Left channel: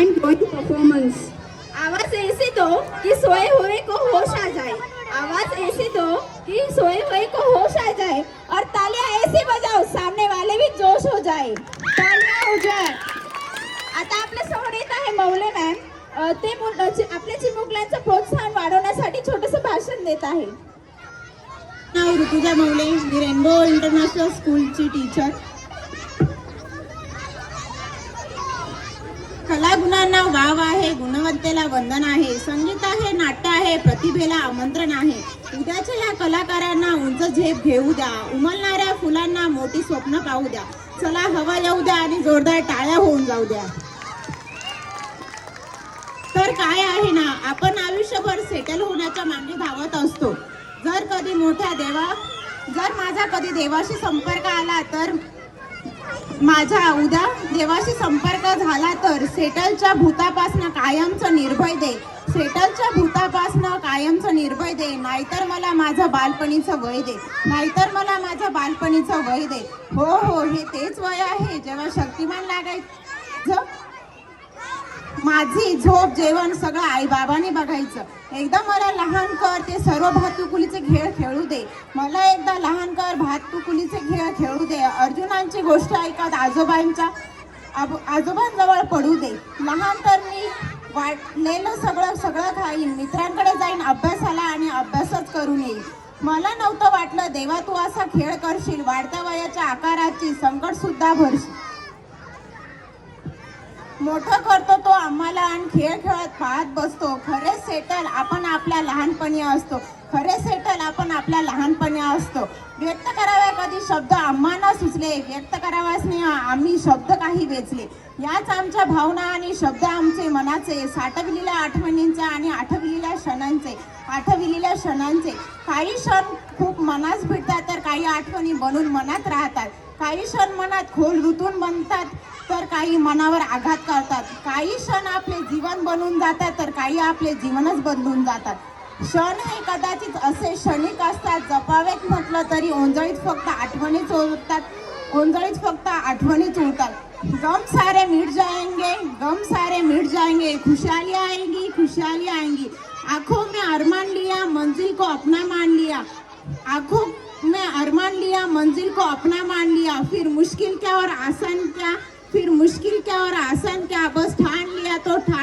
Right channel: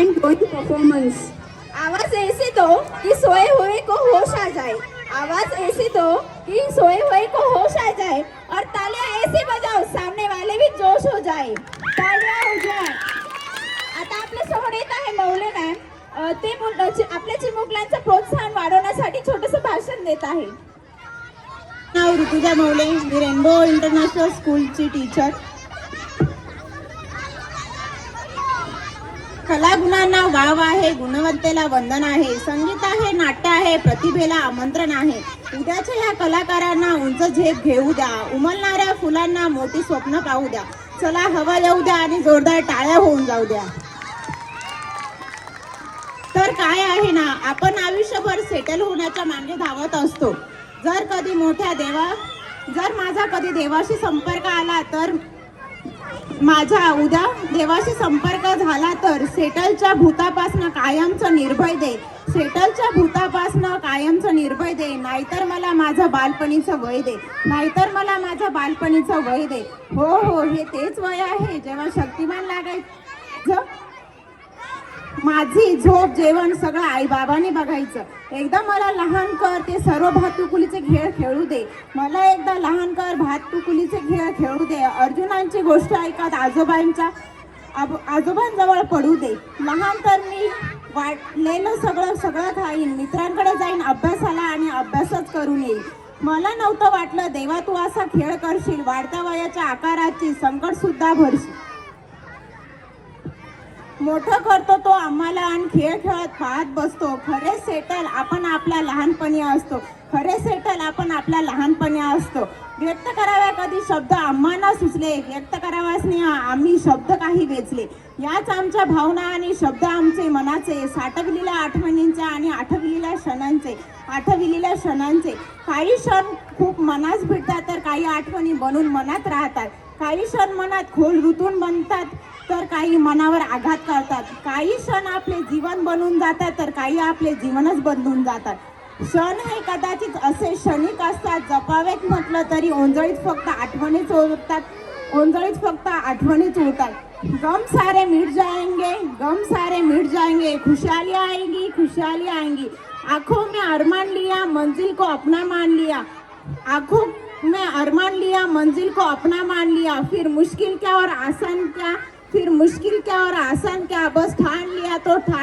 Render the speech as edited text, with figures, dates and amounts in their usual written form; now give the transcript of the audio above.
mind blowing performance. आवाज ऐसे दो कि सोए हुए को होश आ जाए, आवाज ऐसे दो कि सोए हुए को होश आ जाए, और तालियां ऐसे बजाओ सामने वाले भी जोश हो जाए. तालियां हो जाए. आता आपल्या समोर येत आहे मौले मॅम. ते आपल्या चिमुकल्यांचं प्रोत्साहन वाढवण्यासाठी छोटंसं भाषण देत आहे. नाव ऋतुजा मौले, मी रेनबो इंटरनॅशनल स्कूलची टीचर. कलागुणांना वाव आहे, गुणवत्तेला वंदन आहे, संगीत आहे, नाट्य आहे, प्रतिभेला आमंत्रण आहे. उद्याच्या या कलाकारांना उंच झेप घेऊ द्या, उमलणाऱ्या फुलांना मोठी स्वप्न पाहू द्या. चला हवा येऊ द्या आणि जोरदार टाळ्या होऊन जाऊ द्या. तर काय आहे ना, आपण आयुष्यभर सेटल होण्याच्या मागे धावत असतो. जर माझा कधी देवाशी संपर्क आला तर माझ्या उद्या देवाशी संपर्क झाला तर सेटलच्या भूतापासनं कायमचं निर्भय दे, सेटलच्या भूतापासनं कायमचं निर्भय दे. नाहीतर मला माझं बालपणीचं वय दे, नाहीतर मला माझ्या बालपणीचं वय दे. हो हो, हे तेच वय आहे जेव्हा शक्तिमान लागायचं. माझी झोप जेवण सगळं आई बाबांनी बघायचं. एकदा मला लहान कर ते सर्व भातुकुलीचे खेळ खेळू दे, मला एकदा लहान कर भातुकुलीचे खेळ खेळू दे. अर्जुनांची गोष्ट ऐकत आजोबांजवळ पडू दे. लहान तर मी वाटलेलं सगळं खाईन, मित्रांकडे जाईन अभ्यासाला आणि अभ्यासच करून येईल. मला नव्हतं वाटलं देवा तू असा खेळ करशील, वाढत्या वयाच्या आकाराची संकट सुद्धा भरशील. मोठं करतो तो आम्हाला आणि खेळ खेळत पाहत बसतो. खरे सेटल आपण आपल्या लहानपणी असतो, खरे सेटल आपण आपल्या लहानपणी असतो. व्यक्त करावे कधी शब्द आम्हाला सुचले, व्यक्त कराव्यास आम्ही शब्द काही वेचले. याच आमच्या भावना आणि शब्द आमचे मनाचे, साठवलेल्या आठवणींचे आणि आठवलेल्या क्षणांचे. काही क्षण खूप मनास भिडतात तर काही आठवणी बनून मनात राहतात. काही क्षण मनात खोल रुतून बनतात तर काही मनावर आघात करतात. काही क्षण आपले जीवन बनून जातात तर काही आपले जीवनच बदलून जातात. क्षण हे कदाचित असे क्षणिक असतात, जपावेत म्हटलं तरी ओंजळीत फक्त आठवणीच उरतात. गम सारे मिट जाएंगे, खुशहाली आएंगी. आंखों में अरमान लिया, मंजिल को अपना मान लिया. आंखों में अरमान लिया, मंजिल को अपना मान लिया. फिर मुश्किल क्या और आसान क्या, बस ठान लिया तो ठान